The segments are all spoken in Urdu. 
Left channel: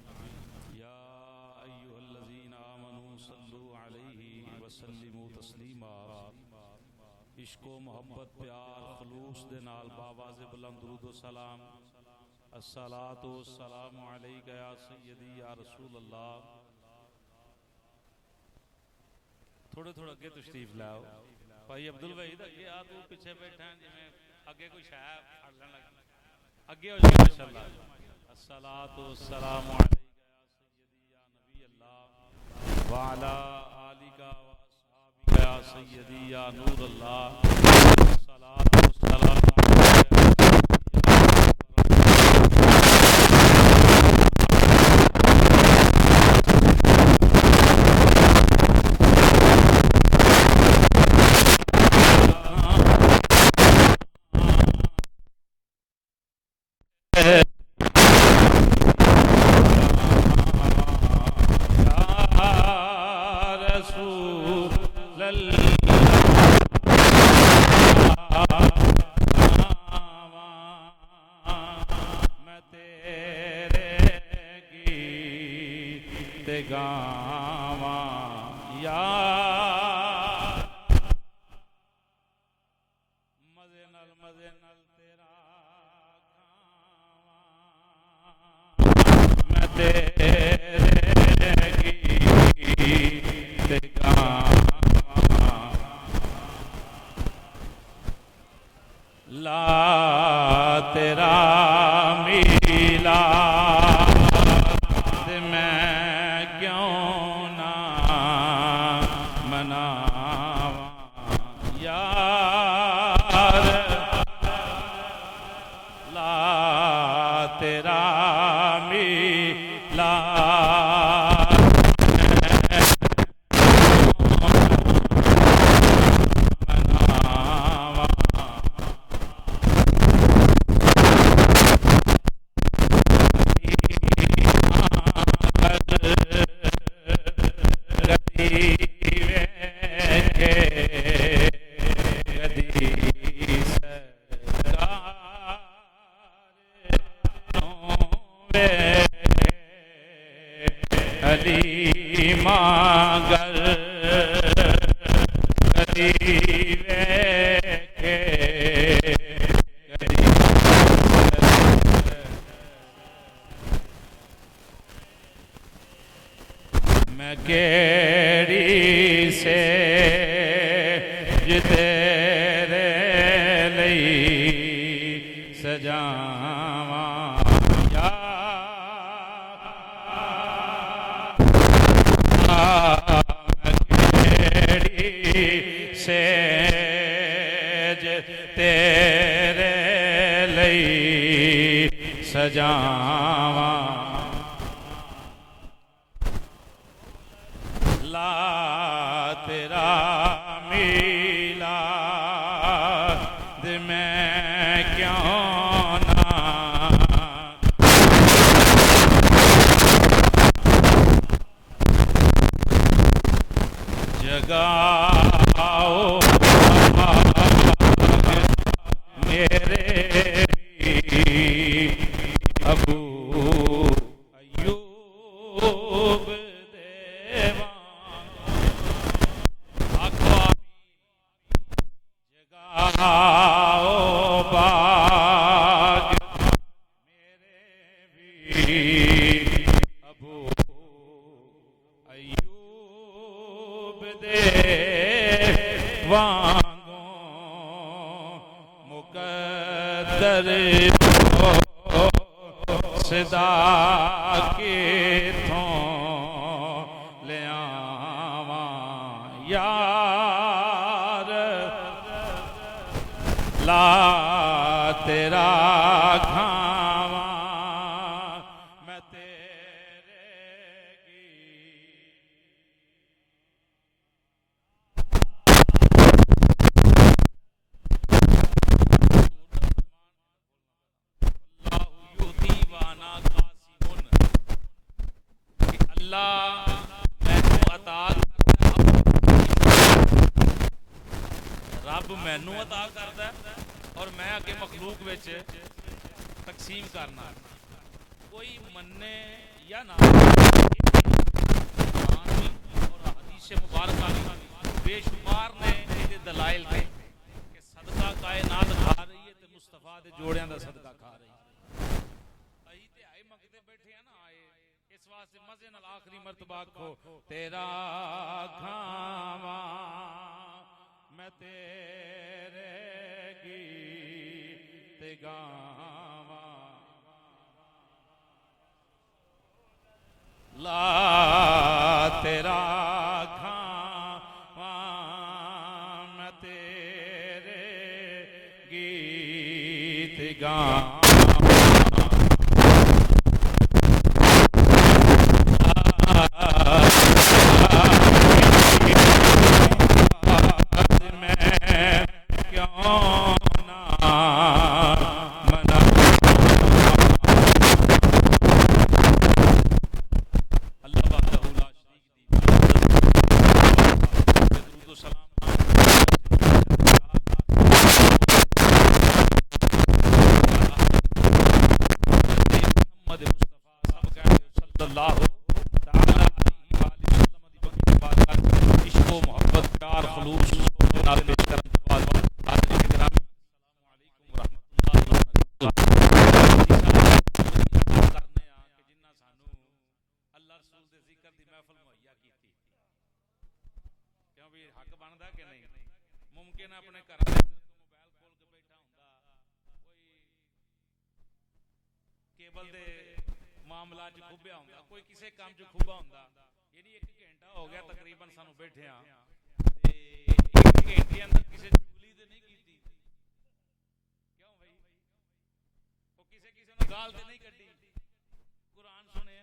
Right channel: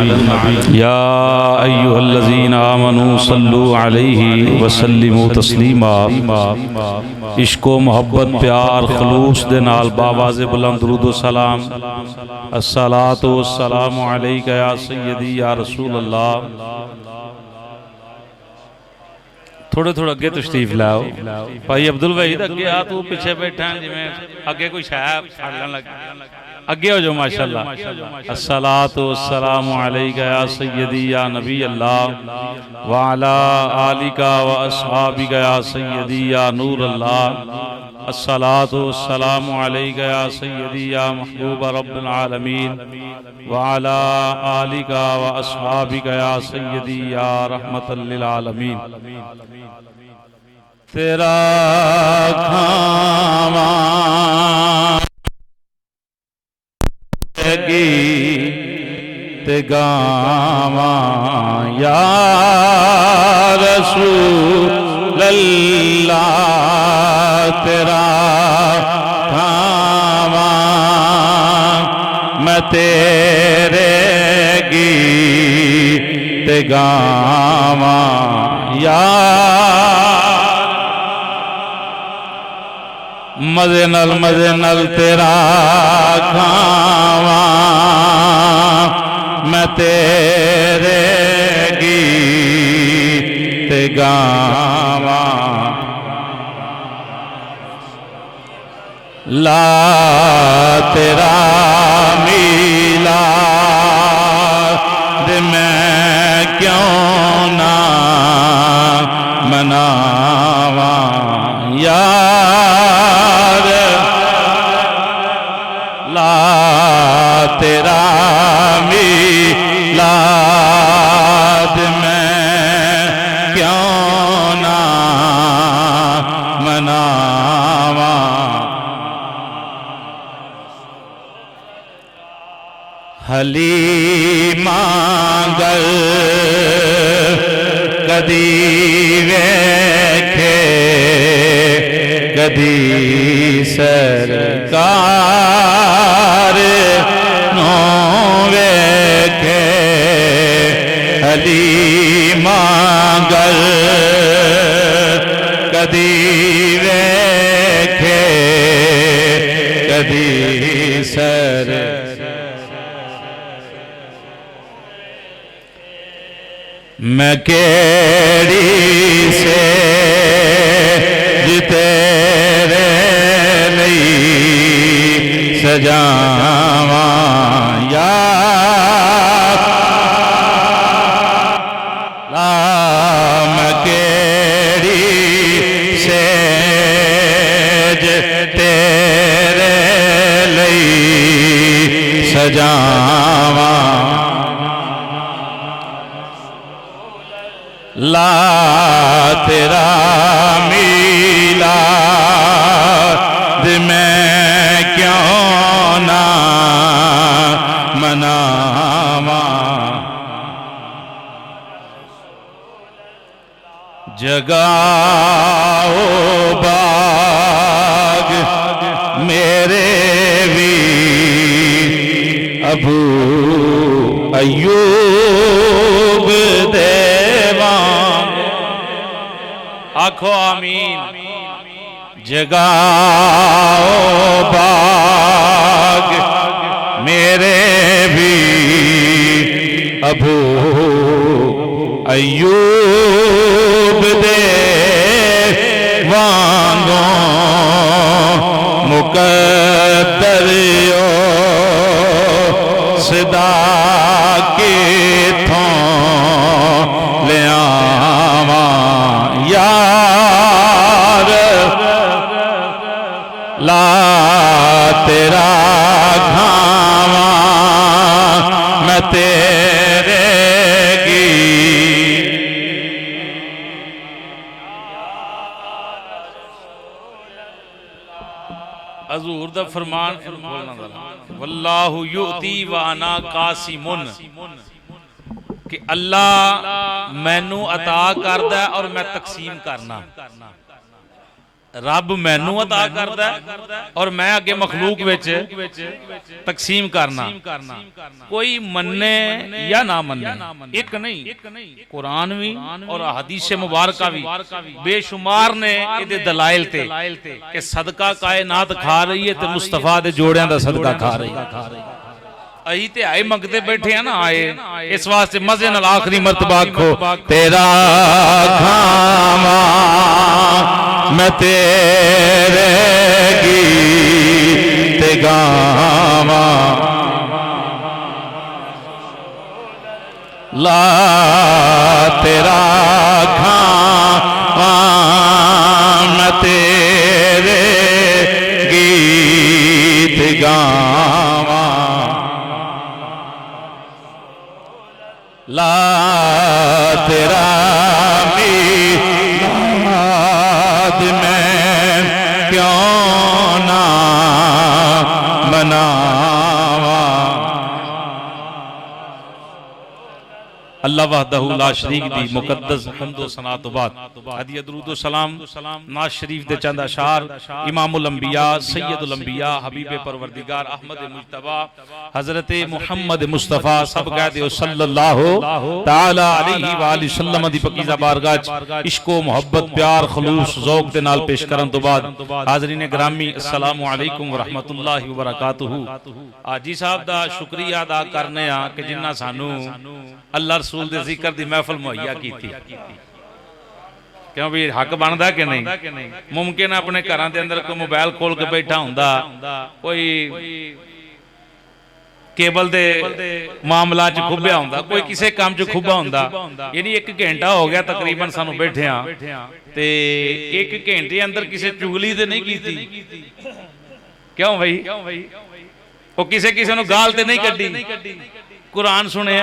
يا أيها الذين آمنوا صلوا عليه وسلموا تسليما عشق و محبت پیار خلوص دے نال باواز بلند درود و سلام الصلاۃ والسلام علیک یا سیدی یا رسول اللہ تھوڑے تھوڑے اگے تشریف لاؤ بھائی عبدالوحید اگے آ تو پیچھے بیٹھا ہیں جی میں اگے کوئی شاید پھڑنے لگا اگے ہو جو ماشاءاللہ الصلاۃ والسلام علیک یا سیدی یا نبی اللہ وعلا آلک و اصحابک یا سیدی یا نور اللہ الصلاۃ والسلام علیک یا سیدی یا محبوب رب العالمین وعلا آلک و اصحابک یا سیدی یا رب العالمین تیرا یا رسول اللہ تیرا میں تیرے گیت گاواں یا مزے نل تیرا گاواں میں تیرے گیت گاواں لا تیرا میلاد میں کیوں نہ مناواں یار لا تیرا میلاد میں کیوں نہ مناواں حلیمہ گر کدی ویکھے کدی سرکار نو ویکھے حلیمہ گر کدی ویکھے کدی میں کیڑی سے تیرے لئی سجاواں یا میں کیڑی سے تیرے لئی سجاواں لا تیرا میلاد میں کیوں نہ مناواں جگاؤ باغ میرے بھی ابو ایوب آنکھو آمین جگاؤ باغ میرے بھی ابو ایوب دے وانگوں مقدر صدا کی تھوں لے آواں یار لا تیرا گھاواں میں تیرے گیت حضور دا فرمان واللہ یؤتی وانا قاسمن کہ اللہ مینوں عطا کردا ہے اور میں تقسیم کردا. رب مینوں عطا کردا ہے اور میں اگے مخلوق وچ تقسیم کرنا کوئی مننے یا نہ مننے ایک نہیں قرآن بھی اور حدیث مبارکہ بھی بے شمار نے یہ دلائل تے کہ صدقہ کائنات کھا رہی ہے تے مصطفیٰ دے جوڑیاں دا صدقہ کھا رہی ہے اہی تے آئے منگتے بیٹھے ہیں نا آئے اس واسطے مزے نال آخری مرتبہ کھو تیرا کھاما میں تیرے گیت گاما لا تیرا کھاما میں تیرے گیت گاما لا تیرا گیت میں کیوں نہ مناواں اللہ وحدہ لا شریک دی مقدس درود و سلام نواز شریف دے چند اشعار امام الانبیاء سید الانبیاء حبیب پروردگار احمد مصطفیٰ حضرت محمد مصطفیٰ سب کہتے ہو صلی اللہ تعالی علیہ وآلہ وسلم دی پاکیزہ بارگاہ عشق و محبت پیار خلوص ذوق دے نال پیش کرن تو بعد حاضرین گرامی السلام علیکم ورحمت اللہ وبرکاتہ حاجی صاحب کا شکریہ ادا کرنے ہاں کہ جنہ سانو اللہ رسول دے ذکر دی محفل مہیا کی تھی کیوں بھی حق بندا کہ نہیں ممکن اپنے گھراں دے اندر کوئی موبائل کھول کے بیٹھا ہوندا کوئی کیبل دے معاملات چ کھبیا ہوندا کوئی کسے کام چ کھبا ہوندا یعنی ایک گھنٹہ ہو گیا تقریباً سانو بیٹھے ہاں تے ایک گھنٹے اندر کسے چگلی تے نہیں کیتی کیوں بھائی وہ کسے کسے نو گال تے نہیں کڈی قرآن سنے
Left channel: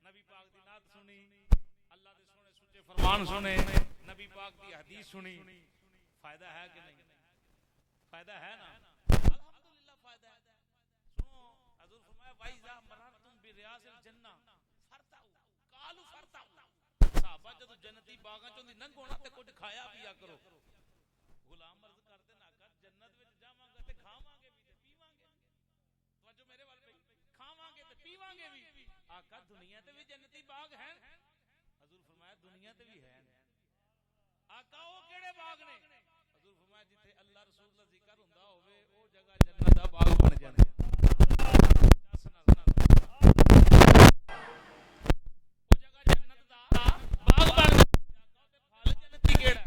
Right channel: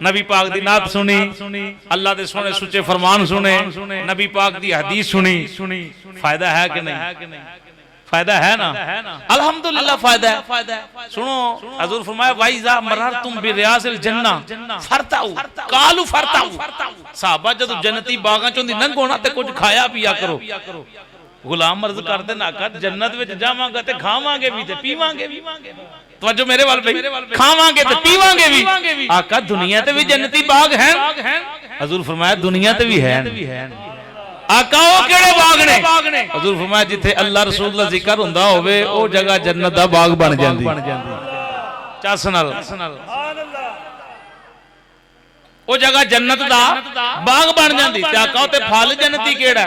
نبی پاک دی نعت سنی اللہ دے سونے سچے فرمان سنے نبی پاک دی حدیث سنی فائدہ ہے کہ نہیں فائدہ ہے نا الحمدللہ فائدہ ہے سنو حضور فرمایا وَإِذَا مَرَرْتُمْ بِرِيَاضِ الْجَنَّةِ فَارْتَعُوا قَالُوا فَارْتَعُوا صحابہ جدو جنتی باغاں چوندی ننگ ہونا تے کچھ کھایا پیا کرو غلام عرض کرتے نا کہ جنت وچ جاواں گا تے کھاواں گے بھی تے پیواں گے بھی توجہ میرے وال بھائی کھاواں گے تے پیواں گے بھی آقا دنیا تے بھی جنتی باغ ہیں حضور فرمایا دنیا تے بھی ہیں آقا وہ کیڑے باغ نے حضور فرمایا جتھے اللہ رسول دا ذکر ہوندا ہوے او جگہ جنت دا باغ بن جاندی چس نال او جگہ جنت دا باغ بن جاندی تے آقا تے پھل جنتی کیڑا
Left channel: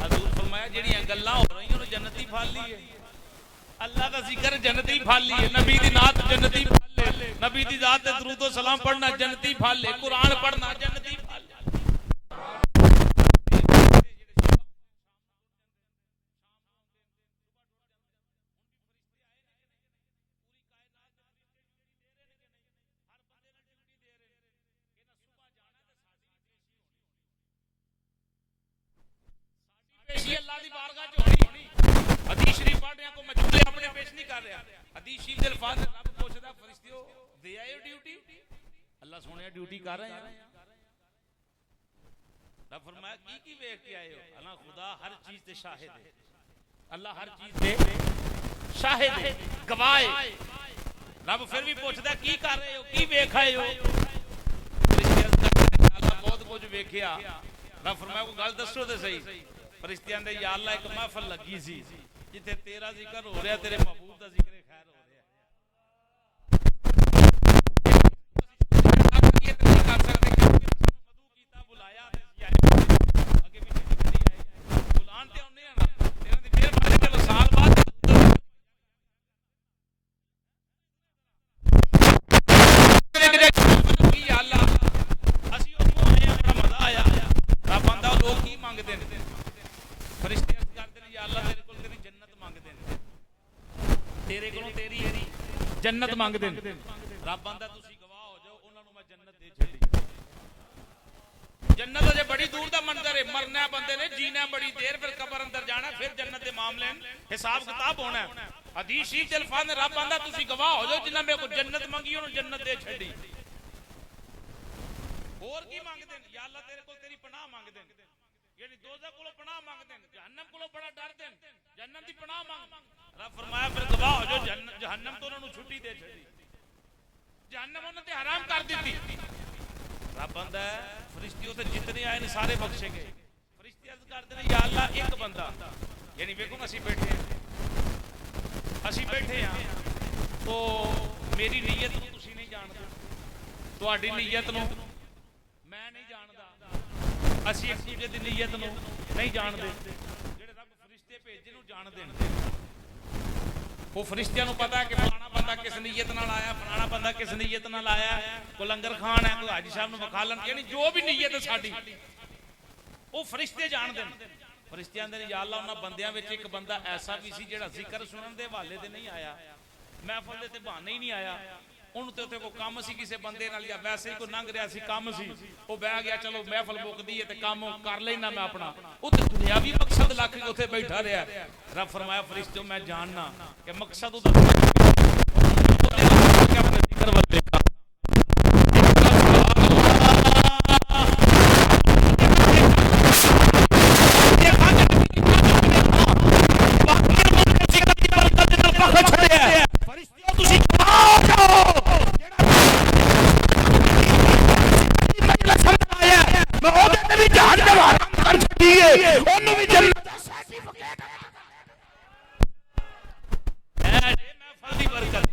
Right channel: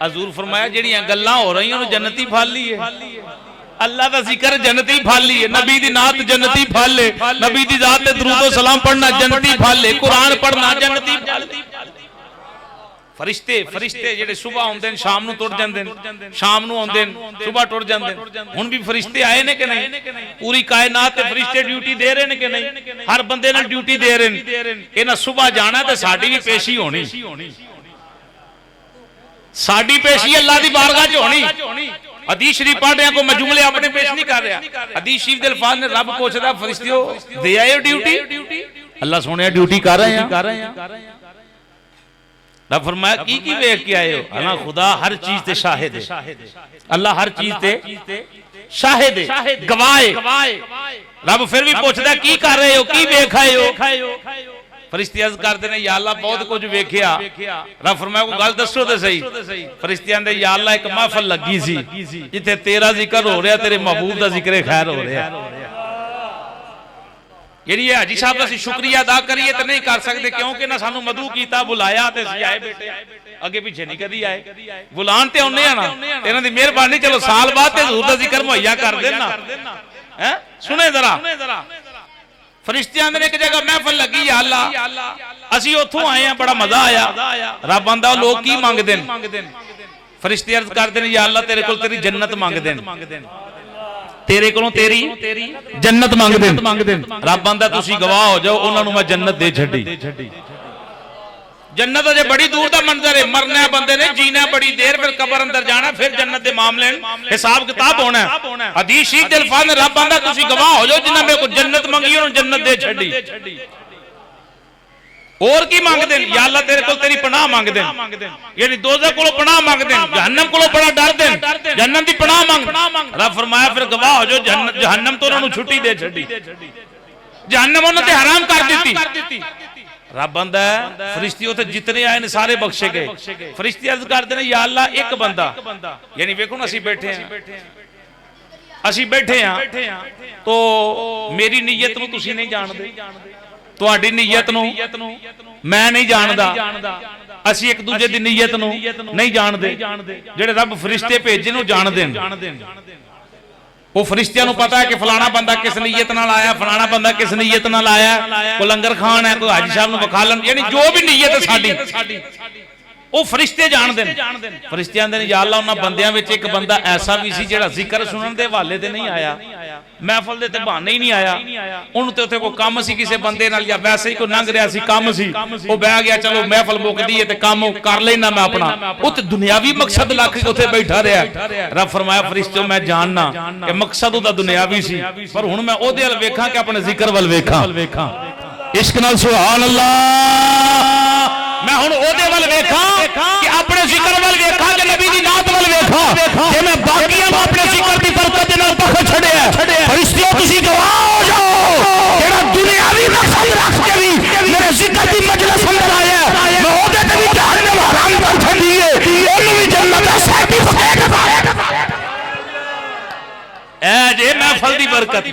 حضور فرمایا جڑیاں گلاں ہو رہی انہوں جنتی پھل لیے اللہ دا ذکر جنتی پھل لیے نبی دی نعت جنتی پھل لے نبی دی ذات تے درود و سلام پڑھنا جنتی پھل لے قرآن پڑھنا جنتی پھل لے فرشتے جڑے صبح ہوندے ہیں شام نو ٹر جاندے ہیں شام نو ہوندے ہیں صبح ٹر جاندے ہیں ہن بھی فرشتے آئے نے کہ نہیں پوری کائنات تے فرشتے ڈیوٹی دے رہے نے کہ نہیں ہر بندے نال ڈیوٹی دے رہے ہیں انہاں صبح جانا تے ساڈی بھی پیشی ہونی ساڈی پیشی اللہ دی بارگاہ چ ہونی حدیث شریف پڑھ رہے ہیں کوئی مجملے اپنے پیش نہیں کر رہا حدیث شریف دے الفاظ نے رب پوچھدا فرشتیو دے آئے ڈیوٹی اللہ سونے ڈیوٹی کر رہے ہیں رب فرمایا کی ویکھ کے آئے ہو اللہ خدا ہر چیز تے شاہد ہے اللہ ہر چیز تے شاہد ہے گواہ ہے رب پھر بھی پوچھدا کی کر رہے ہو کی ویکھ آئے ہو فرشتے عرض کرتے ہیں یا اللہ بہت کچھ ویکھیا رب فرمایا کو گل دسو تے صحیح فرشتے آندے یا اللہ ایک محفل لگی سی جتھے تیرا ذکر ہو رہا تیرے محبوب دا ذکر خیر ہو رہا یعنی یہ حاجی صاحب اسی شکریہ ادا کریے تے نہیں کر سکتے کیونکہ نہ سانو مدعو کیتا بلایا تے اسی آئے بیٹھے اگے پیچھے نہیں کدی آئے بلان تے اونے آ نا انہاں دی مہربانی چلو سال بعد تے حضور دا ذکر مہیا کر دینا ہیں سنے ذرا ایک جگہ محفل لگی یا اللہ اسی اتھوں آئے ہیں بڑا مزہ آیا رب آندا لوگ کی مانگ دین فرشتے عرض کر دین یا اللہ تیرے کول تیری جنت مانگ دین تیرے کولوں تیری جنت مانگ دین رب آندا تسی گواہ ہو جاؤ انہاں نوں میں جنت دے چھڈی جنت اجے بڑی دور دا منظر ہے مرنا ہے بندے نے جینا ہے بڑی دیر پھر قبر اندر جانا پھر جنت دے معاملے حساب کتاب ہونا ہے حدیث شریف دے الفاظ میں رب آندا تسی گواہ ہو جاؤ جنہاں میرے کو جنت منگی انہوں جنت دے چھڈی اور کی مانگتے ہیں؟ یا اللہ تیرے کو تیری پناہ مانگتے ہیں، یعنی دوزخ کو پناہ مانگتے ہیں، جہنم کو بڑا ڈرتے ہیں، جہنم دی پناہ مانگ. رب فرمایا پھر گواہ ہو جو جہنم تو انہوں نے چھٹی دے چھڑی، جہنم انہوں نے حرام کر دیتی. رب بندہ ہے فرشتی ہوتے جتنے آئے نے سارے بخشے گئے. فرشتی عرض کرتے ہیں یا اللہ ایک بندہ، یعنی ویکھو نا اسی بیٹھے ہیں تو میری نیت نو تسی نہیں جان دے، تہاڈی نیت نو میں نہیں جاندا، اسی ایک دوجے دی نیت نو نہیں جان دے. جڑے رب فرشتے بھیجے نو جان دین، وہ فرشتیاں نو پتا ہے کہ فلانا بندہ کس نیت نال آیا، فلانا بندہ کس نیت نال آیا، کوئی لنگر خان ہے، کوئی حاجی صاحب نو بخالن، یعنی جو بھی نیت ہے ساڈی وہ فرشتے جان دین. فرشتے آندے نے یا اللہ انہاں بندیاں وچ ایک بندہ ایسا بھی سی جڑا ذکر سنن دے حوالے تے نہیں آیا، محفل دے تے بہانے ہی نہیں آیا، انہوں تے اتنے کوئی کام سی کسی بندے نال یا ویسے ہی کوئی لنگ رہا سی کام سی، وہ بہ گیا چلو محفل مکدی ہے تے کام کر لینا میں اپنا، اوتے دنیاوی مقصد لکھ کے اوتے بیٹھا رہا. رب فرمایا فرشتوں میں جاننا کہ مقصد دا دنیاوی سی، پر ہن میں او دے ول ویکھاں کہ اپنے ذکر ول ویکھاں. عشق نال سبحان اللہ. میں ہن او دے ول ویکھاں کہ اپنے ذکر ول ویکھاں کہ نبی دی نعت ول ویکھاں کہ میں باقیاں نوں اپنے ذکر دی برکت دے نال بخش چھڑیا ہے. فرشتوں تسی گواہ ہو جاؤ جڑا دنیاوی مقصد رکھ کے بھی میرے ذکر دی مجلس اندر آیا ہے، میں او دے تے بھی جہنم حرام کر چھڈی ہے، اونوں بھی جنت دا سرٹیفکیٹ دے. اے جے محفل دی برکت.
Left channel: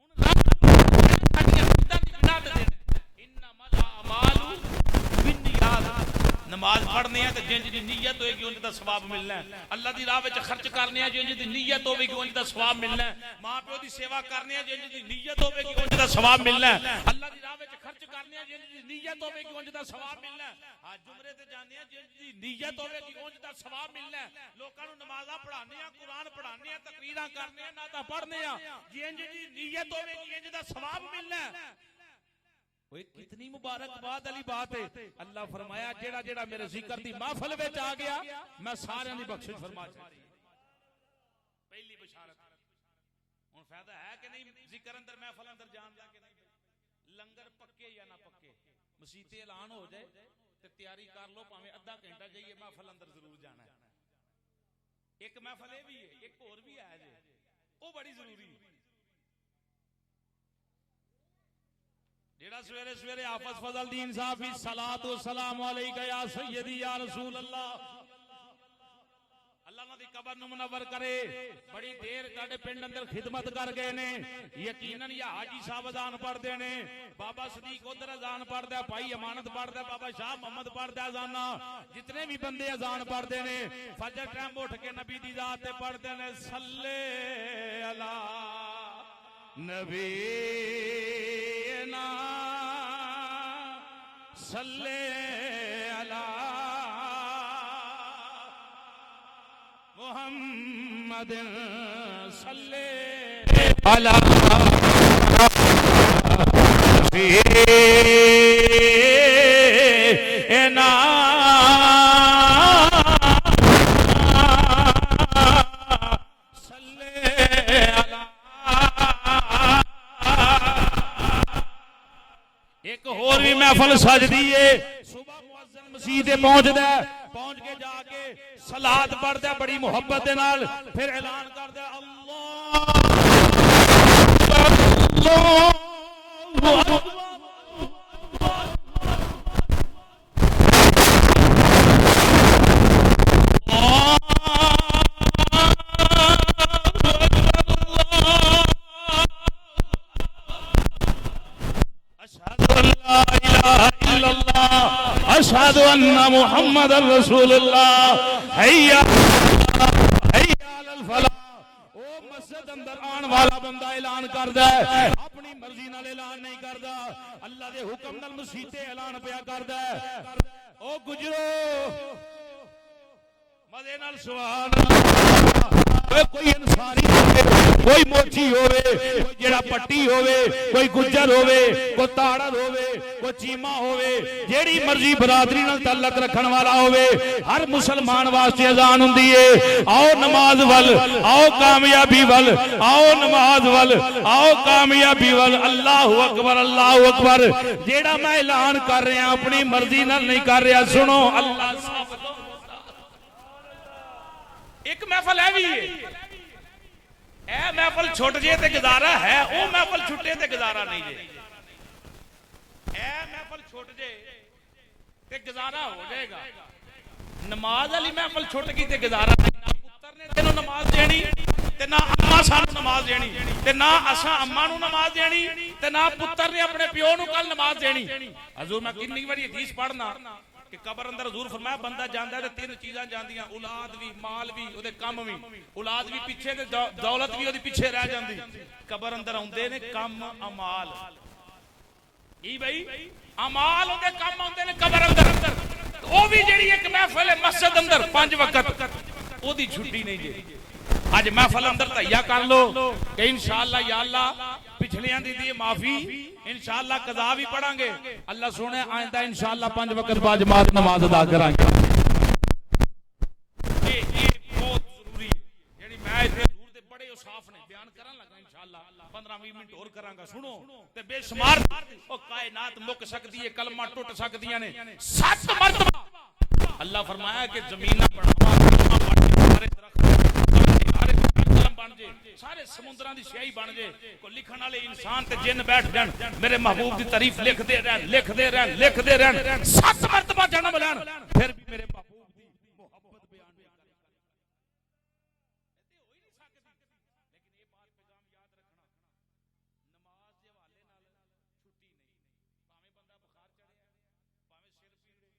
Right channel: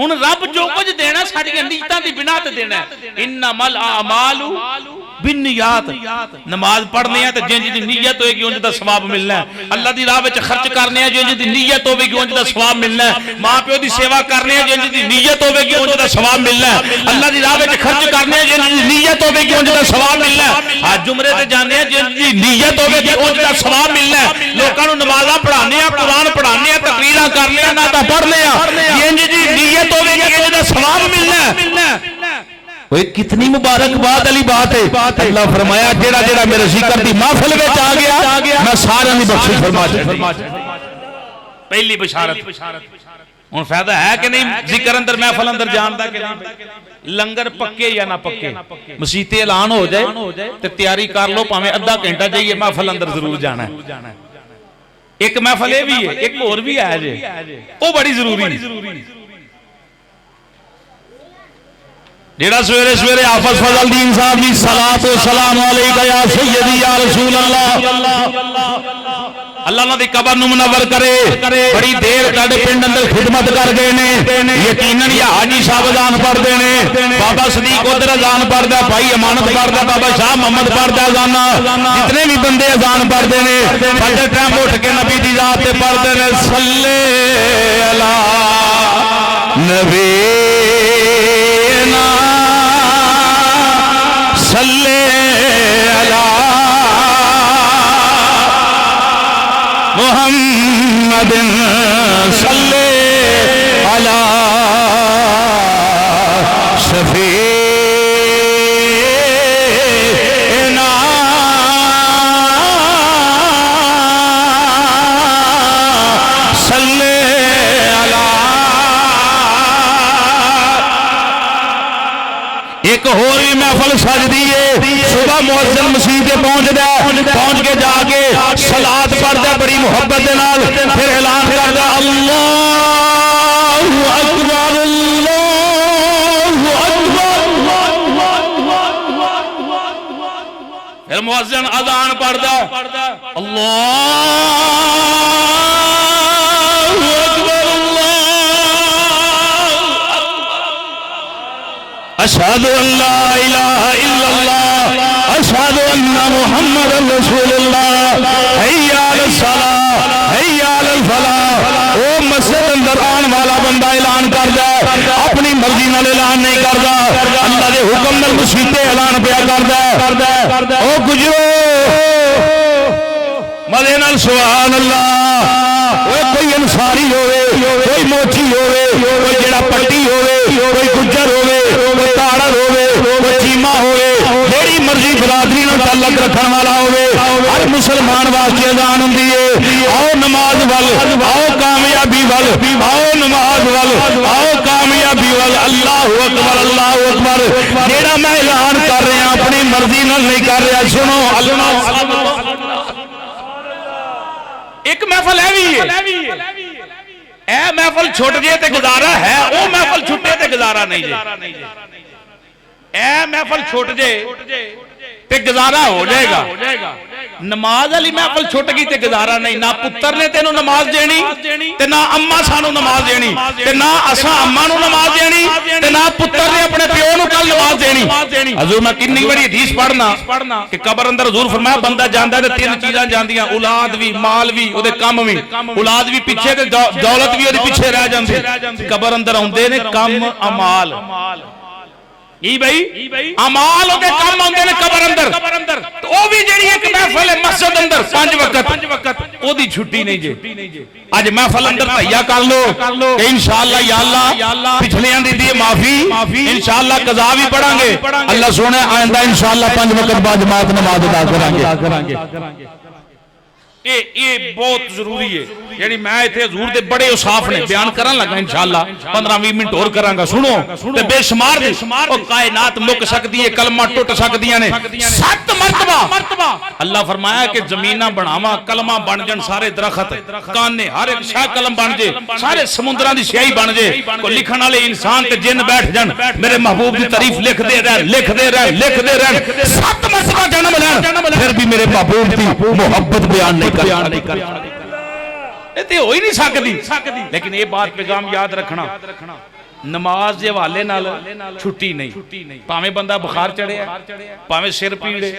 ہن رب جو کچھ دینا ساڈی نیتاں دی بنا تے دینا ہے. انما الاعمال بالنیات. نماز پڑھنے ہیں تو جنج دی نیت ہوئے گی انج دا ثواب ملنا ہے. اللہ دی راہ وچ خرچ کرنے ہیں جنج دی نیت ہوئے گی انج دا ثواب ملنا ہے. ماں پیو دی سیوا کرنے ہیں جنج دی نیت ہوئے گی انج دا ثواب ملنا ہے. اللہ دی راہ وچ خرچ کرنے ہیں جنج دی نیت ہوئے گی انج دا ثواب ملنا ہے. حج عمرے تے جانے ہیں جنج دی نیت ہوئے گی انج دا ثواب ملنا ہے. لوکاں نوں نمازاں پڑھانے ہیں، قرآن پڑھانے ہیں، تقریراں کرنے ہیں، نعتاں پڑھنے ہیں، جنج دی نیت ہوئے گی انج دا ثواب ملنا ہے. وہ کتنی مبارک بات علی بات ہے. اللہ فرمایا جیڑا جیڑا میرے ذکر دی محفل وچ آ گیا میں سارے دی بخشش فرما چھڈی. پہلی بشارت. ہن فائدہ ہے کہ نہیں ذکر اندر محفل اندر جان دا کہ نہیں؟ لنگر پکے یا نہ پکے مسیت اعلان ہو جائے تے تیاری کر لو، پاویں ادھا گھنٹہ جائیے محفل اندر ضرور جانا ہے. ایک محفل یہ بھی ہے، ایک اور بھی ہے جے وہ بڑی ضروری ہے. جیڑا سویرے سویرے حافظ فضل دین صاحب دی صلاۃ و سلام علیکہ یا سیدی یا رسول اللہ، اللہ نہ دی قبر نو منور کرے. بڑی دیر تاڈے پنڈ اندر خدمت کر گئے نے، یقیناً یا حاجی صاحب اذان پڑھ دے نے، بابا صدیق ادھر اذان پڑھدا، بھائی امانت پڑھدا، بابا شاہ محمد پڑھدا اذان، جتنے بھی بندے اذان پڑھدے نے پڑھدے ٹائم اٹھ کے نبی دی ذات تے پڑھدے نے صلی علی نبی صلی علی محمد صلی علی شفیعنا صلی علی. ایک اور بھی محفل سجدی ہے. صبح مؤذن مسجد پہنچدا ہے، پہنچ کے جا کے صلاۃ پڑھدا بڑی محبت دے نال، پھر اعلان کردا اللہ اکبر اللہ اکبر. مؤذن اذان پڑھدا اللہ اشہد ان لا الہ الا اللہ اشہد ان محمد رسول اللہ حی علی الصلاۃ حی علی الفلاح. او مسجد اندر آن والا بندہ اعلان کردا ہے، اپنی مرضی نال اعلان نہیں کردا، اللہ دے حکم نال مسجد اعلان پیا کردا ہے. او گجرو مدے نال سبحان اللہ. کوئی انصاری ہوئے، کوئی موچی ہوئے، کوئی جڑا پٹی ہوئے، کوئی گجر ہوئے، کوئی تاڑر ہوئے، کوئی چیمہ ہوئے، جیڑی مرضی برادری نال تعلق رکھن والا ہوئے ہر مسلمان واسطے اذان ہوندی ہے آؤ نماز ول آؤ کامیابی ول آؤ نماز ول آؤ کامیابی ول اللہ اکبر اللہ اکبر جیڑا میں اعلان کر رہا ہوں اپنی مرضی نال نہیں کر رہا سنو اللہ ایک محفل ہے بھی اے محفل چھوٹ جے تے گزارا ہے او محفل چھٹے تے گزارا نہیں جے اے محفل چھوٹ جے تے گزارا ہو جائے گا نماز علی محفل چھوٹ گئی تے گزارا نہیں نہ پتر نے تینوں نماز دینی تے نہ اماں سانو نماز دینی تے نہ اساں اماں نو نماز دینی تے نہ پتر نے اپنے پیو نو کل نماز دینی حضور میں کتنی بڑی حدیث پڑھنا کہ قبر اندر حضور فرمایا بندہ جاندا ہے تے تین چیزاں جاندیاں اولاد بھی مال بھی او دے کم بھی اولاد بھی پیچھے تے دولت بھی او دے پیچھے رہ جاندی قبر اندر اوندے نے کم امال بھائی امال ہوتے کام ہوندے نے قبر اندر تو او بھی جڑی ایک محفل ہے مسجد اندر 5 وقت او دی چھٹی نہیں جے اج محفل اندر تہیا کر لو کہ انشاءاللہ یا اللہ پچھلیاں دی دی معافی انشاءاللہ قضا بھی پڑھاں گے اللہ سونے آئندہ انشاءاللہ 5 وقت با جماعت نماز ادا کریں گے یہ بہت ضروری ہے یعنی میں ایتھے حضور دے بڑے اوصاف نے بیان کرن لگا انشاءاللہ 15-20 منٹ اور کراں گا سنو تے بے شمار او کائنات مک سکدی ہے کلمہ ٹوٹ سکدیاں نے 7 مرتبہ اللہ فرمایا کہ زمیناں بناواں کلمہ بن جن سارے درخت کانے ہر ایک شاہ کلم بن جے سارے سمندراں دی سیاہی بن جے کو لکھن والے انسان تے جن بیٹھ جن میرے محبوب دی تعریف لکھ دے رہن 7 مرتبہ جنم لین پھر بھی میرے محبوب دی محبت بیان نہیں کر تے ہو ہی نہیں سکتی لیکن یہ بات پیغام یاد رکھنا نماز دے حوالے نال چھٹی نہیں پاویں بندہ بخار چڑھے پاویں سر پیڑے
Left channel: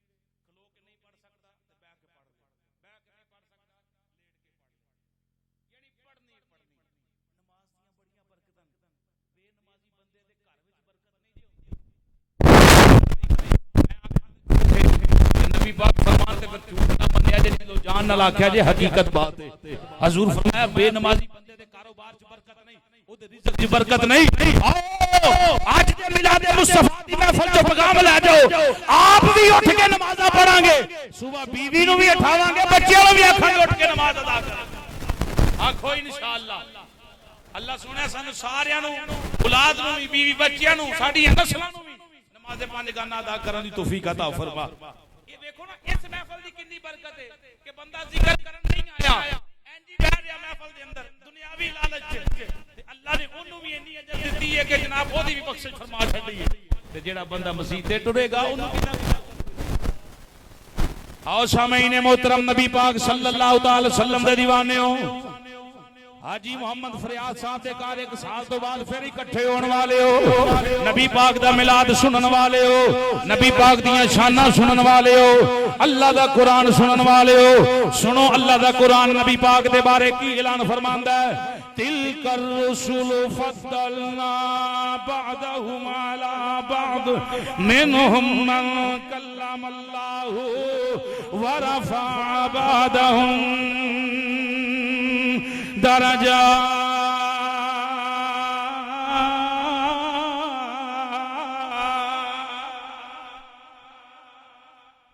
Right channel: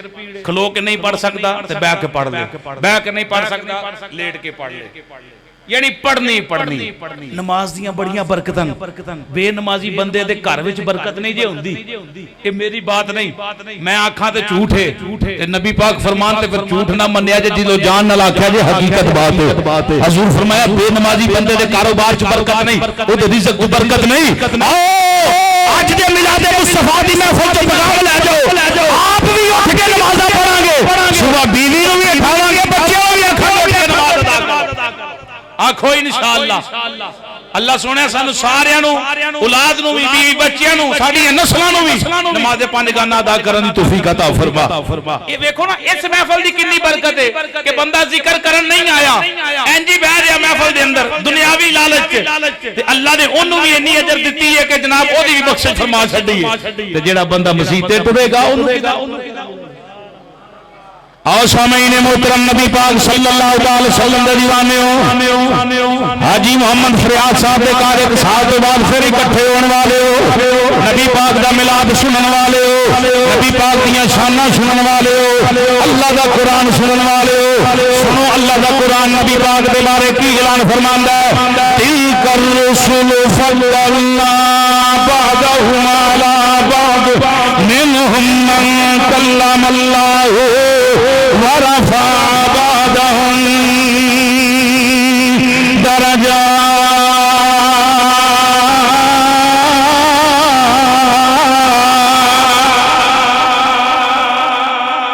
کھلو کے نہیں پڑھ سکتا تے بیٹھ کے پڑھ لے بیٹھ کے نہیں پڑھ سکتا لیٹ کے پڑھ لے یعنی پڑھنی نماز دیاں بڑیاں برکتاں بے نمازی بندے دے گھر وچ برکت نہیں جے ہوندی یہ میری بات نہیں میں آکھاں تے جھوٹ ہے تے نبی پاک فرمان تے پھر جھوٹ نہ منیا جے جلو جان نال آکھیا جے حقیقت بات ہے حضور فرمایا بے نمازی بندے دے کاروبار چ برکت نہیں او دے رزق چ برکت نہیں آؤ اج دے میلاد مصطفی دی محفل چ پیغام لے جاؤ آپ بھی اٹھ کے نمازاں پڑھاں گے صبح بیوی نو بھی اٹھاواں گے بچیاں نو بھی آکھاں گے اٹھ کے نماز ادا کرو آکھو انشاءاللہ اللہ سونے سانو ساریاں نو اولاد نو بھی بیوی بچیاں نو ساڈی نسلاں نو بھی نماز 5 گانا ادا کرن دی توفیق عطا فرما یہ دیکھو نا اس محفل دی کتنی برکت ہے کہ بندہ ذکر کرن نہیں آیا انجی بیٹھ گیا محفل دے اندر دنیاوی لالچ تے اللہ نے اونوں بھی اتنی اجر دتی ہے کہ جناب او دی بھی بخشش فرما چھڈی ہے تے جیڑا بندہ مسیح تے ٹرے گا اونوں آؤ سامعین محترم نبی پاک صلی اللہ علیہ وسلم دے دیوانے ہو حاجی محمد فریاد صاحب دے کار ایک سال تو بعد پھر اکٹھے ہونے والے ہو نبی پاک دا میلاد سنن والے ہو نبی پاک دیاں شاناں سنن والے ہو اللہ دا قرآن سنن والے ہو سنو اللہ دا قرآن نبی پاک دے بارے کی اعلان فرماندا ہے تلک الرسل فضلنا بعضهم على بعض منهم من کلم اللہ ورفع بعضهم درجات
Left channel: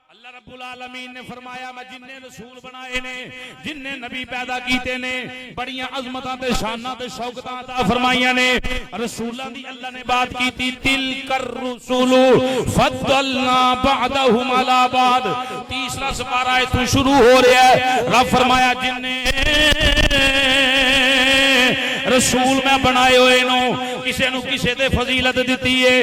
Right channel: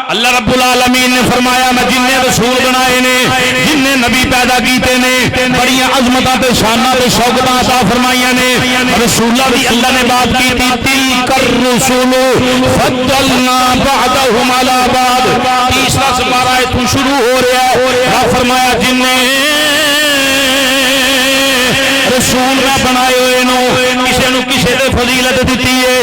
اللہ رب العالمین نے فرمایا میں جن نے رسول بنائے نے جن نے نبی پیدا کیتے نے بڑیاں عظمتاں تے شاناں تے شوکتاں عطا فرمائیاں نے رسولہ بھی اللہ نے بات کی تھی تلک الرسول فضلنا بعضهم على بعض تیسرا سپارہ تو شروع ہو رہا ہے رب فرمایا جن نے رسول میں بنائے ہوئے نو کسے دے فضیلت دیتی ہے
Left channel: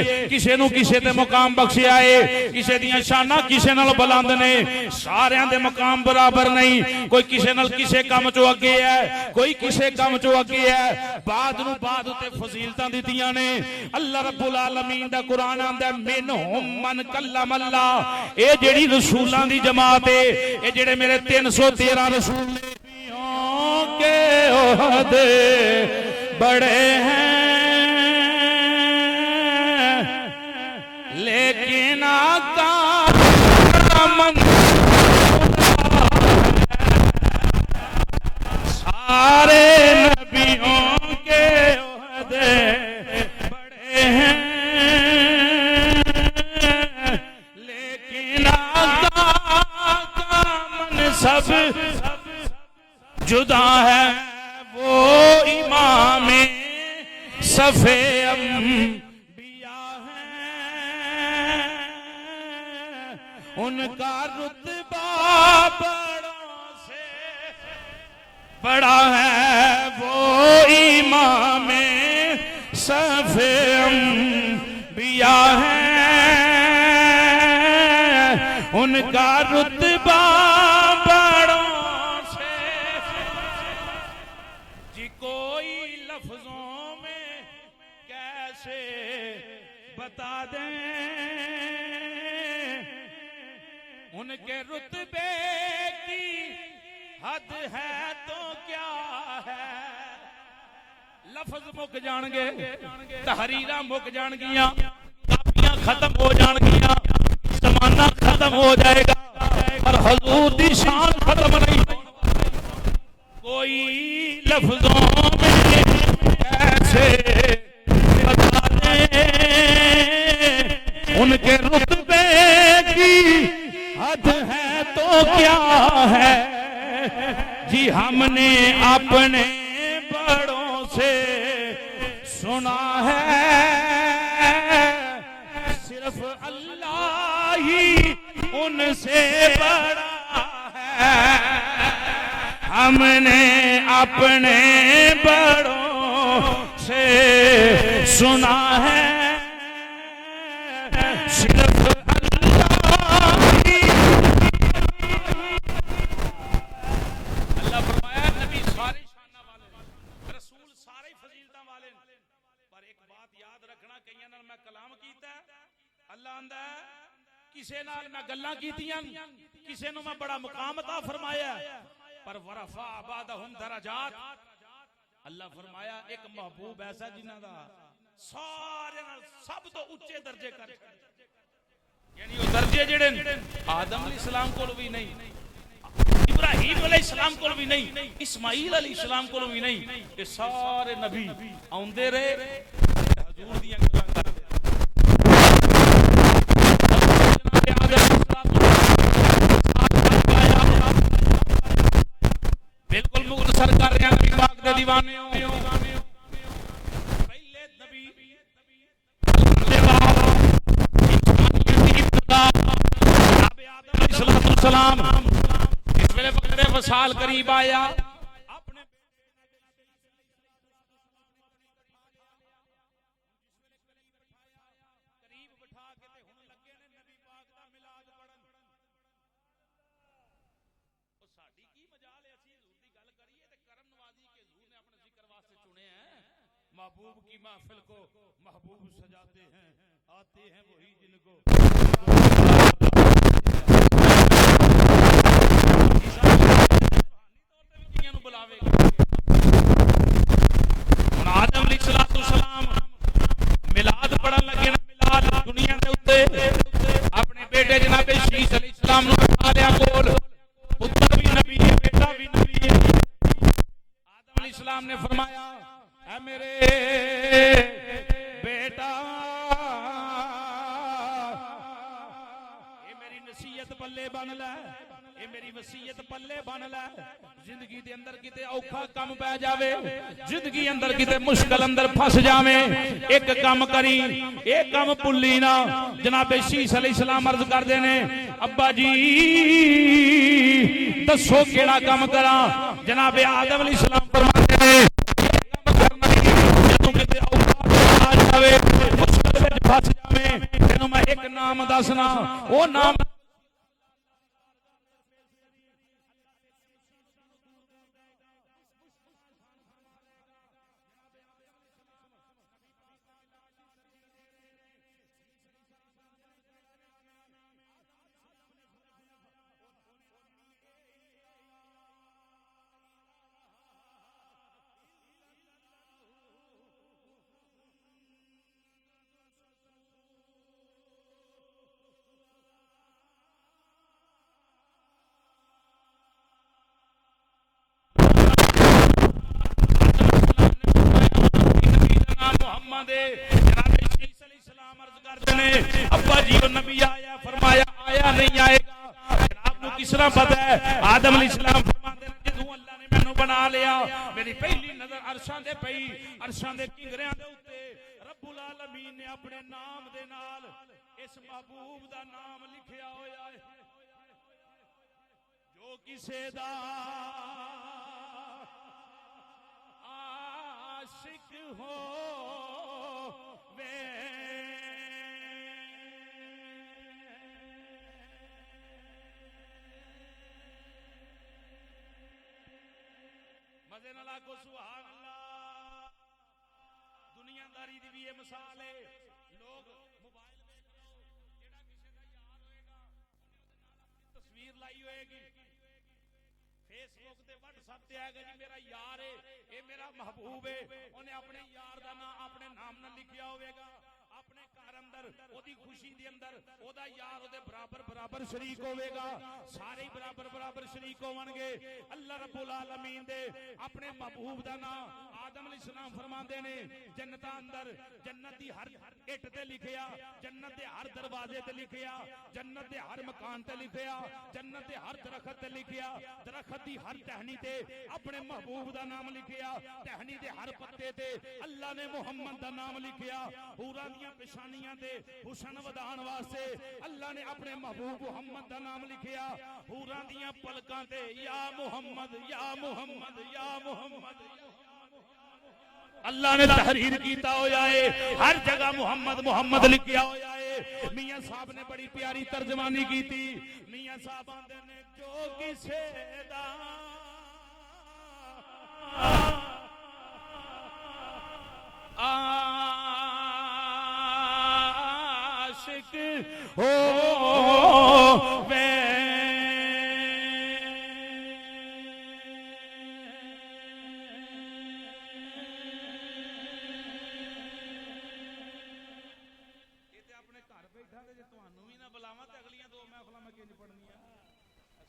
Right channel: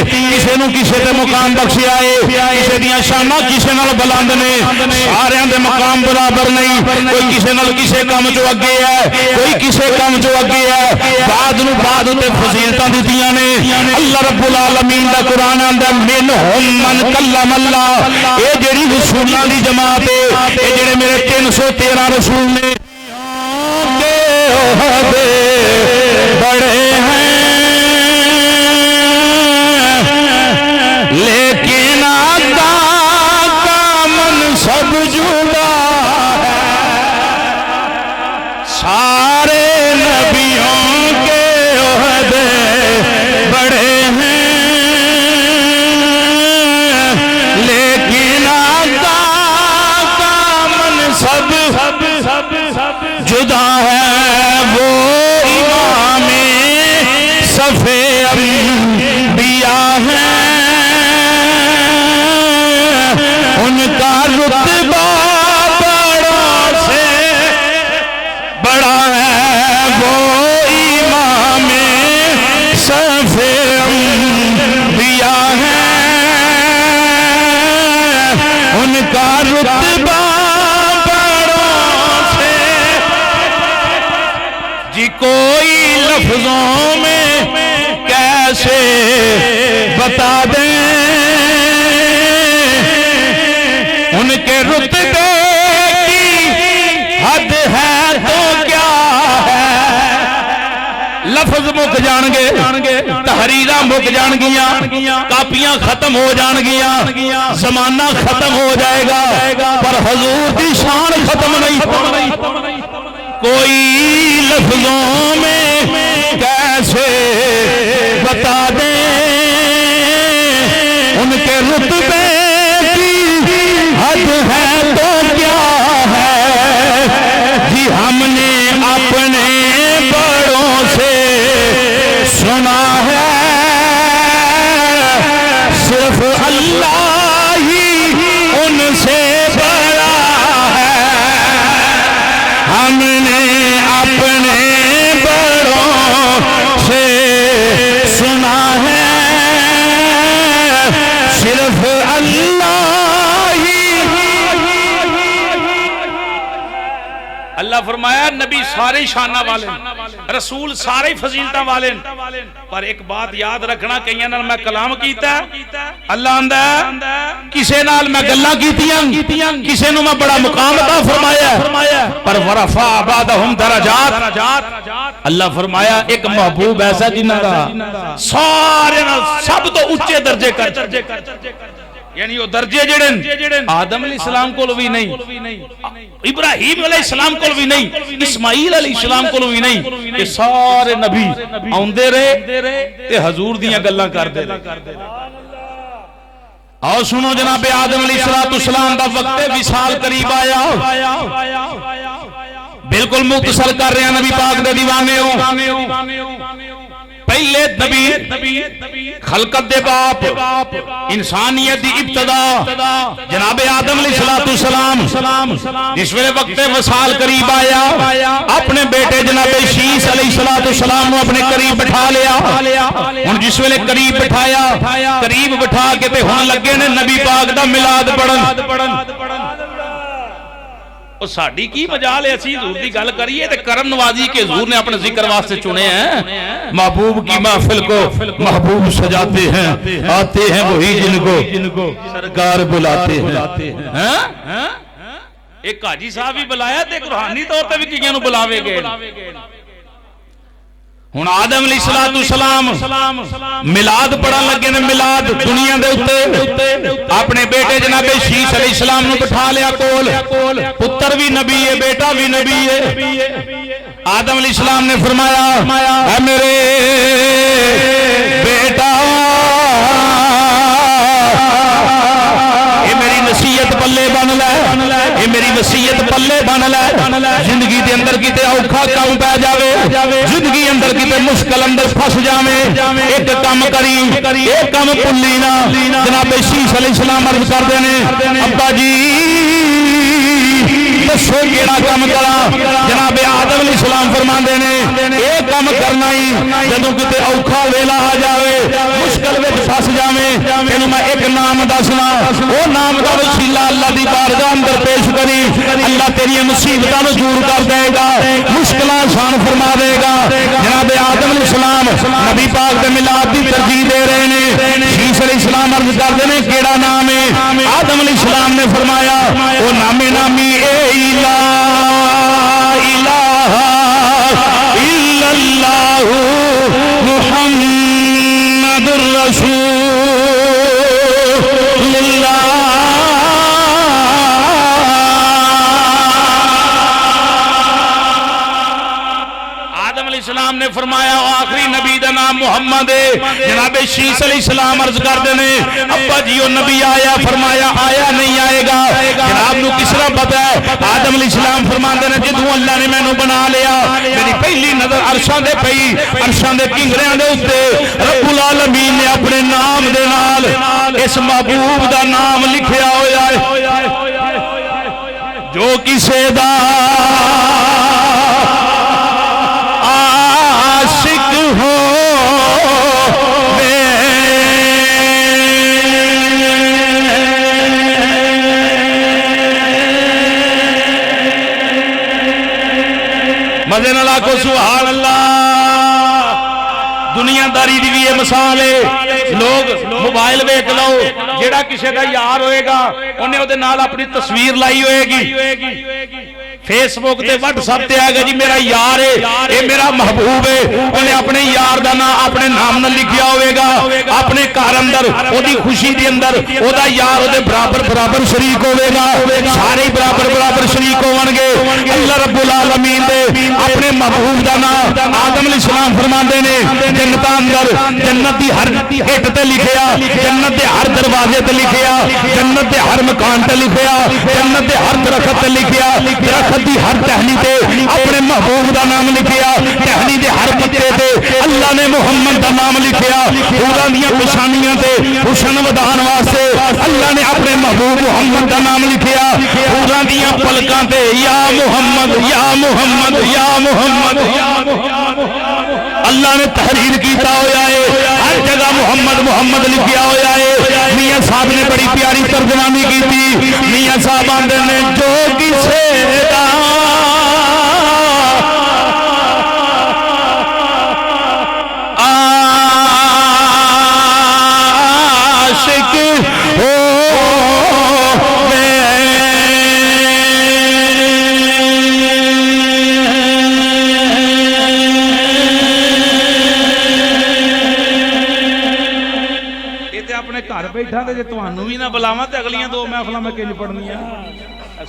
کسے دے مقام بخشیا ہے کسے دیاں شانہ کسے نال بلند نے سارے دے مقام برابر نہیں کوئی کسے نال کسے کام چو اگے ہے کوئی کسے کام چو اگے ہے بعد نو بعد تے فضیلتاں دتیاں نے اللہ رب العالمین دا قرآن آندا منہم من کلم اللہ اے جڑی رسولاں دی جماعت ہے اے جڑے میرے 313 رسول نے عہدے بڑے ہیں لیکن آقا کا منصب جدا ہے سارے نبیوں کے عہدے بڑے ہیں لیکن رتبہ بڑوں سے بڑا ہے وہ امام صف انبیاء ہے، ان کا رتبہ بڑوں سے جی کوئی لفظوں میں کیسے بتا دیں، ان کے رتبے کی حد ہے تو کیا ہے، لفظ مک جان گے، تحریراں مک جان گیاں، کاپیاں ختم ہو جان گیاں، زمانہ ختم ہو جائے گا، پر حضور دی شان ختم نہیں ہونی۔ کوئی لفظوں میں کیسے بتا دیں، ان کے رتبے کی حد ہے تو کیا ہے، جی ہم نے اپنے بڑوں سے سنا ہے، صرف اللہ ہی ان سے بڑا ہے، ہم نے اپنے بڑوں سے سنا ہے، صرف اللہ ہی۔ اللہ فرمایا نبی سارے شانہ والے، رسول سارے فضیلتاں والے، پر ایک بات یاد رکھنا، کئیاں نال میں کلام کیتا ہے، اللہ آندا کسے نال میں گلاں کیتیاں، کسے نو میں بڑا مقام عطا فرمایا، پر ورفع بعضهم درجات، اللہ فرمایا ایک محبوب ایسا جنہاں دا سارے نال سب تو اونچے درجے کر، یعنی وہ درجے جڑے آدم علیہ السلام کو بھی نہیں، ابراہیم علیہ السلام کو بھی نہیں، اسماعیل علیہ السلام کو بھی نہیں، یہ سارے نبی آندے رہے تے حضور دیاں گلاں کردے رہے۔ اور سنو جناب آدم علیہ السلام دا وقت وصال قریب آیا، بالکل مختصر کر رہے ہیں نبی پاک دے دیوانے ہو، پہلے نبی خلقت دے باپ، انسانیت دی ابتدا جناب آدم علیہ السلام، جس ویلے وقت وصال قریب آیا، اپنے بیٹے جناب شیس علیہ السلام اپنے قریب بٹھا لیا، ان جس ویلے قریب بٹھایا، قریب بٹھا کے تے ہن لگے نے نبی پاک دا میلاد پڑھن۔ ساڑی کی مجال ہے اسی حضور دی گل کریے تے کرم نوازی کے حضور نے اپنے ذکر واسطے چنے ہیں، محبوب کی محفل کو محبوب سجاتے ہیں، آتے ہیں وہی جن کو سرکار بلاتے ہیں۔ ایک حاجی صاحب ہی بلایا تے روحانی طور تے بھی کیاں نو بلاوے گے۔ ہن آدم علیہ السلام میلاد پڑھن لگے نے، میلاد دنیا دے اوتے، اپنے بیٹے جناب شیس علیہ السلام نو بٹھا لیا کول، پتر بھی نبی ہے بیٹا بھی نبی ہے۔ آدم علیہ السلام نے فرمایا اے میرے بیٹا، یہ میری نصیحت پلے بن لے، یہ میری وصیت پلے بن لے، زندگی دے اندر کیتے اوکھا کام پہ جاوے، زندگی اندر کیتے مشکل اندر پھس جاوے، ایک کام کری، ایک کام پلی نہ۔ جناب شیس علیہ السلام عرض کر دینے ابا جی دسو کیڑا کام کرا؟ جناب آدم علیہ السلام فرما دینے ایک کام کرنا ہی، جدوں کتے اوکھا ویلا آ جاوے، مشکل وچ پھس جاویں، تینوں میں ایک نام دسنا، وہ نام دا وسیلہ اللہ دی بارگاہ اندر پیش کری، اللہ تیری مصیبتاں نوں دور کر دے گا، مشکلاں آسان فرما دے گا۔ جناب آدم علیہ السلام نبی پاک دے میلاد دی ترجیح دے رہے نے، شیس علیہ السلام عرض کر دے نے کیڑا نام ہے؟ آدم علیہ السلام نے فرمایا وہ نام نامی اے لا الہ الا اللہ محمد الرسول اللہ۔ آدم علیہ السلام نے فرمایا آخری نبی دا نام محمد ہے۔ جناب شیس علیہ السلام عرض کر دینے ابا جی وہ نبی آیا؟ فرمایا آیا نہیں آئے گا۔ جناب نو کس طرح پتہ ہے؟ آدم علیہ السلام فرما دینے جدوں اللہ نے مینوں بنا لیا، میری پہلی نظر عرشاں دے پئی، عرشاں دے کنگریاں دے اوتے رب العالمین نے اپنے نام دے نال اس محبوب دا نام لکھیا ہویا ہے۔ جو کسے دا عاشق ہو مزے نال آکھو سبحان اللہ۔ دنیا داری دی بھی یہ مثال ہے، لوگ موبائل ویکھ لو، جیڑا کسے دا یار ہوئے گا انہیں او دے نال اپنی تصویر لائی ہوئے گی، فیس بک تے واٹس ایپ تے آئے گا جی میرا یار ہے، اے میرا محبوب ہے، انہیں اپنے یار دا نام اپنے نام نہ لکھیا ہوئے گا، اپنے کار اندر او دی خوشی دی اندر او دا یار او دے برابر برابر شریک ہوئے گا، سارے برابر برابر شریک ہون گے۔ اللہ رب العالمین دے اپنے محبوب دا نام آدم علیہ السلام فرماندے نے جنت اندر جنت دی ہر ہٹ تے لکھیا، جنت دے ہر دروازے تے لکھیا، جنت دے ہر مکان تے لکھیا، جنت دے ہر درخت تے لکھیا، درخت دی ہر ٹہنی تے اپنے محبوب دا نام لکھیا، ٹہنی دے ہر پتے تے اللہ نے محمد دا نام لکھیا، حوراں دیاں پشانیاں تے حسن ودان واسطے اللہ نے اپنے محبوب محمد دا نام لکھیا، حوراں دیاں پلکاں تے یا محمد یا محمد یا محمد یا محمد اللہ نے تحریر کیتا ہویا ہے، ہر جگہ محمد محمد لکھیا ہویا ہے۔ میاں صاحب نے بڑی پیاری ترجمانی کی تھی، میاں صاحب آندے نے جو کسے دا عاشق ہو گھر بیٹھا تے جے تانوں بھی نہ بلاواں تے اگلیاں دو محفلاں میں کنج پڑھنیاں۔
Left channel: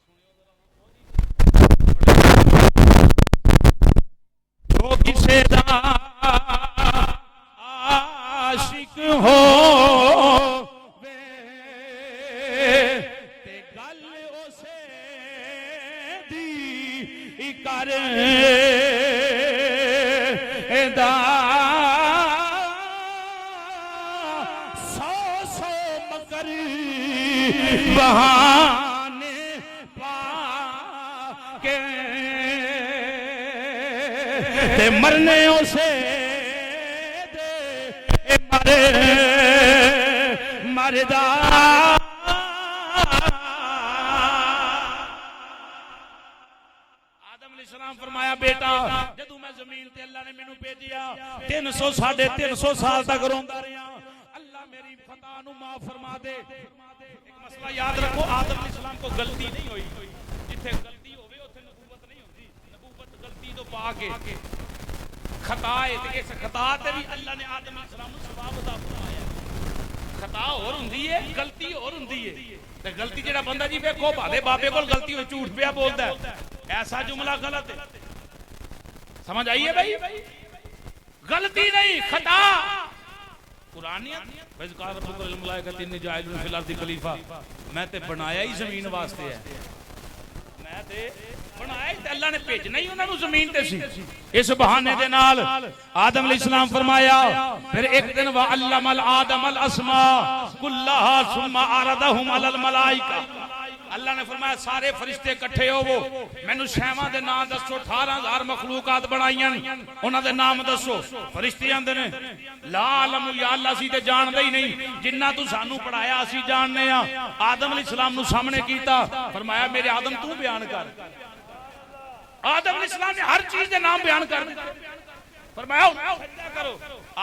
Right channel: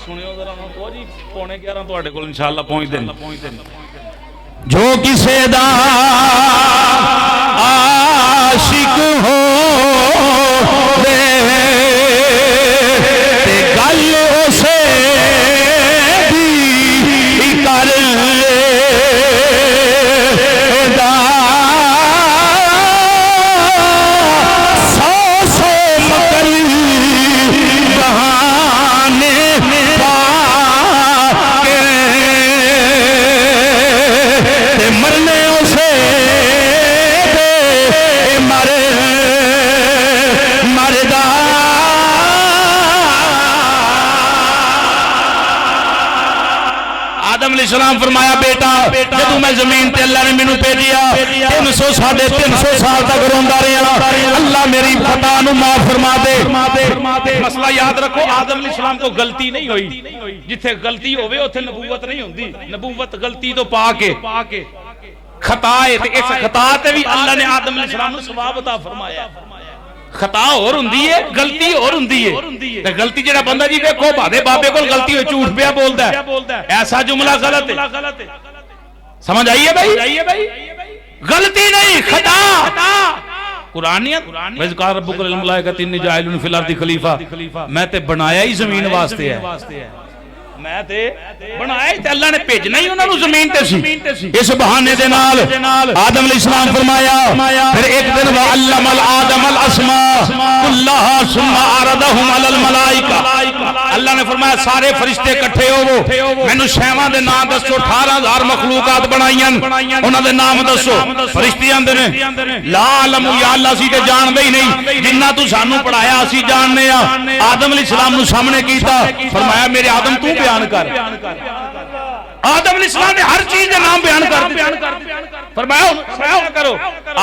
سنیو ذرا او جی پونے 11 تواڈے انشاءاللہ پہنچ جو کسے دا عاشق ہو تے گل اسے دی کر مرنے اسے دے مردا آدم علیہ السلام فرمایا بیٹا جدوں میں زمین تے اللہ نے مینوں بھیجیا 300 سال تک روندا رہیا، اللہ میری خطا نو معاف فرما دے۔ مسئلہ یاد رکھو آدم علیہ السلام کو غلطی نہیں ہوئی، جتھے غلطی ہوئے اتھے نبوت نہیں ہوندی، نبوت غلطی تو پا کے خطا ہے تے اس خطا تے بھی اللہ نے آدم علیہ السلام نو ثواب عطا فرمایا۔ خطا اور ہوندی ہے، غلطی اور ہوندی ہے، تے غلطی جڑا بندہ جی دیکھو بھادے بابے کول غلطی ہوئی جھوٹ پیا بولدا ہے، ایسا جملہ غلط ہے، سمجھ آئی ہے بھائی؟ غلطی نہیں خطا قرآنیت وَإِذْ قَالَ رَبُّكَ لِلْمَلَائِكَةِ إِنِّي جَاعِلٌ فِي الْأَرْضِ خَلِيفَةً میں تے بنایا ہی زمین واسطے ہے، میں تے بنایا تے اللہ نے بھیجنا ہی انہاں نوں زمین تے سی۔ اس بہانے دے نال آدم علیہ السلام فرمایا پھر ایک دن وَعَلَّمَ الْآدَمَ الْأَسْمَاءَ كُلَّهَا ثُمَّ عَرَضَهُمْ عَلَى الْمَلَائِكَةِ اللہ نے فرمایا سارے فرشتے اکٹھے ہوو مینوں شیواں دے نام دسو، 18000 مخلوقات بنائیاں انہاں دے نام دسو۔ فرشتے آندے نے لا علم یا اللہ سی تے جان دے ہی نہیں، جنہ تو سانوں پڑھایا اسی جاننے ہاں۔ آدم علیہ السلام نو سامنے کیتا، فرمایا میرے آدم تو بیان کر۔ آدم علیہ السلام نے ہر چیز کے نام بیان کر دیا، فرمایا کرو۔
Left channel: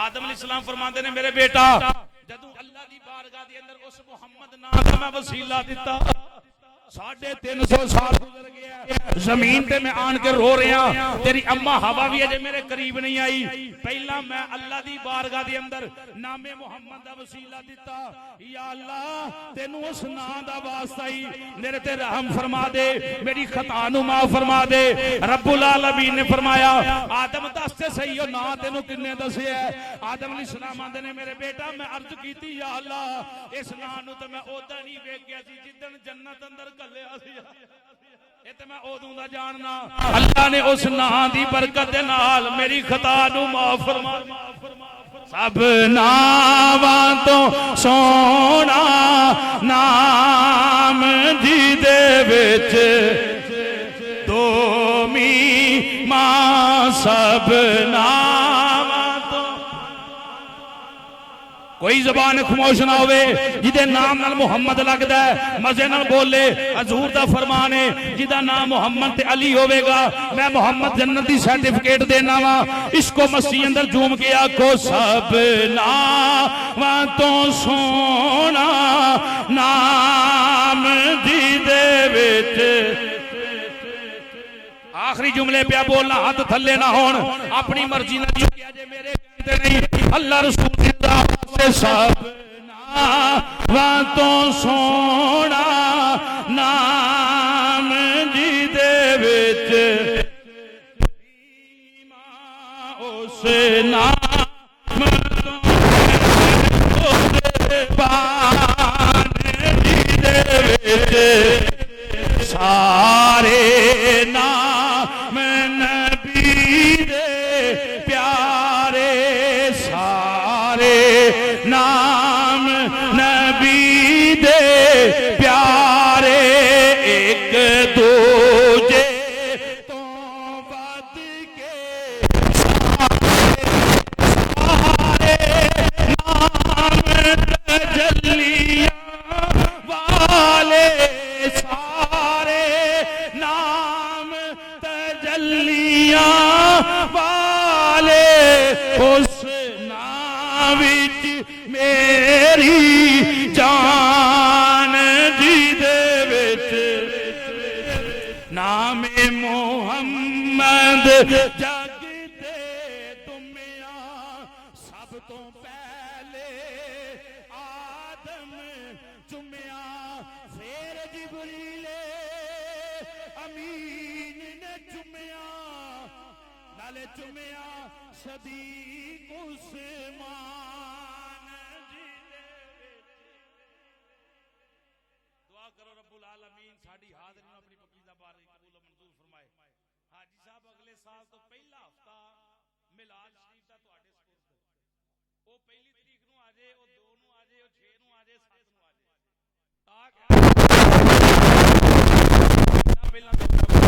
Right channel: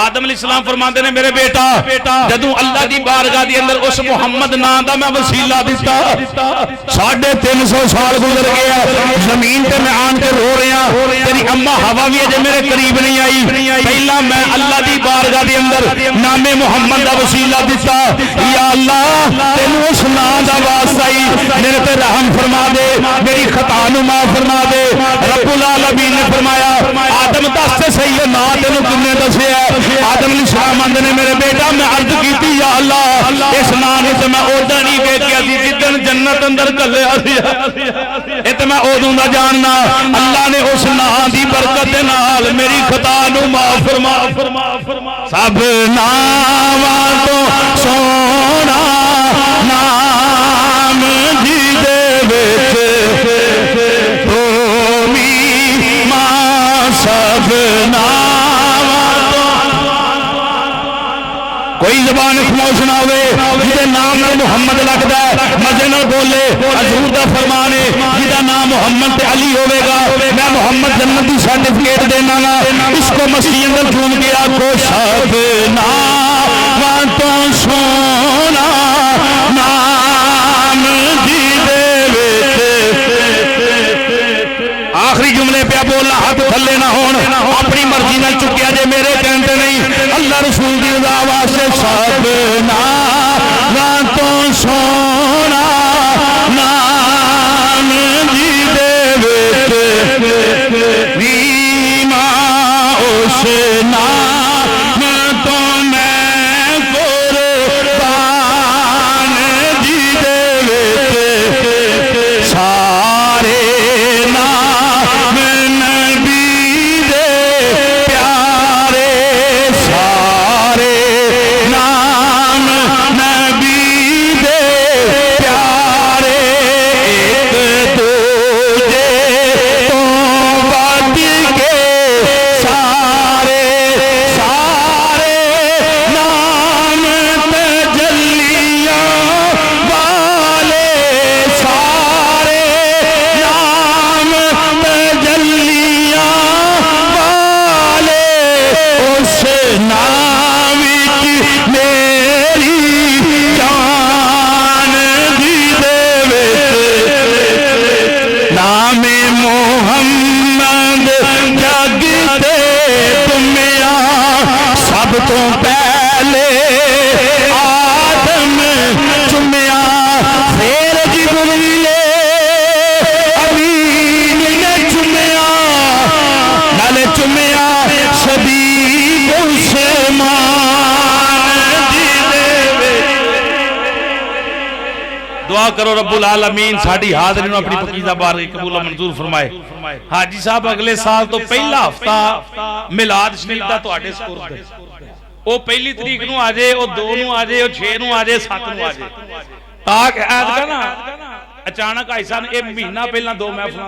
آدم علیہ السلام فرماندے نے میرے بیٹا جدوں اللہ دی بارگاہ دی اندر اس محمد نام دا میں وسیلہ دیتا 350 سال گزر گیا، زمین تے میں آن کے رو رہا، تیری اما ہوا بھی اجے میرے قریب نہیں آئی، پہلا میں اللہ دی بارگاہ دی اندر نام محمد دا وسیلہ دیتا، یا اللہ تینوں اس نام دا واسطہ ہی میرے تے رحم فرما دے، میری خطا نو معاف فرما دے۔ رب العالمین نے فرمایا آدم دس تے صحیح نا تینوں کنے دسے ہے؟ آدم علیہ السلام آندے نے میرے بیٹا میں عرض کیتی یا اللہ اس نام تے میں اودا نہیں ویکھیا سی جدن جنت اندر گلیا سی، اے تے میں اودوں دا جاننا۔ اللہ نے اس نام دی برکت دے نال میری خطا نو معاف فرما۔ سب ناماں تو سونا نام جی دے وچ زبان خاموش نہ ہوئے جدے نام نال محمد لگدا ہے مزے نال بولے حضور دا فرمان ہے جدا نام محمد تے علی ہوے گا میں محمد جنت دی سرٹیفکیٹ دینا وا اس کو مسیح اندر جھوم کے آکھو سب نام تو سونا نام جی دے وچ آخری جملے پہ بولنا ہاتھ تھلے نہ ہون اپنی مرضی نال چکیا جے میرے کہندے نہیں اللہ رسول دی رضا واسطے سب نام تو سونا نام جی دے وچ نیما اس نام تو میں قربان جی دے وچ سارے دعا کرو رب العالمین ساڑھی حاضرین نو اپنی پکیزہ بارگاہ قبول و منظور فرمائے حاجی صاحب اگلے سال تو پہلا ہفتہ میلاد شریف دا تو آڈے سپورٹ دے او پہلی تاریخ نو آجے او 2 نو آجے او 6 نو آجے 7 نو آجے تاکہ جانا کا حصہ یہ مہینہ پہلا 2 میں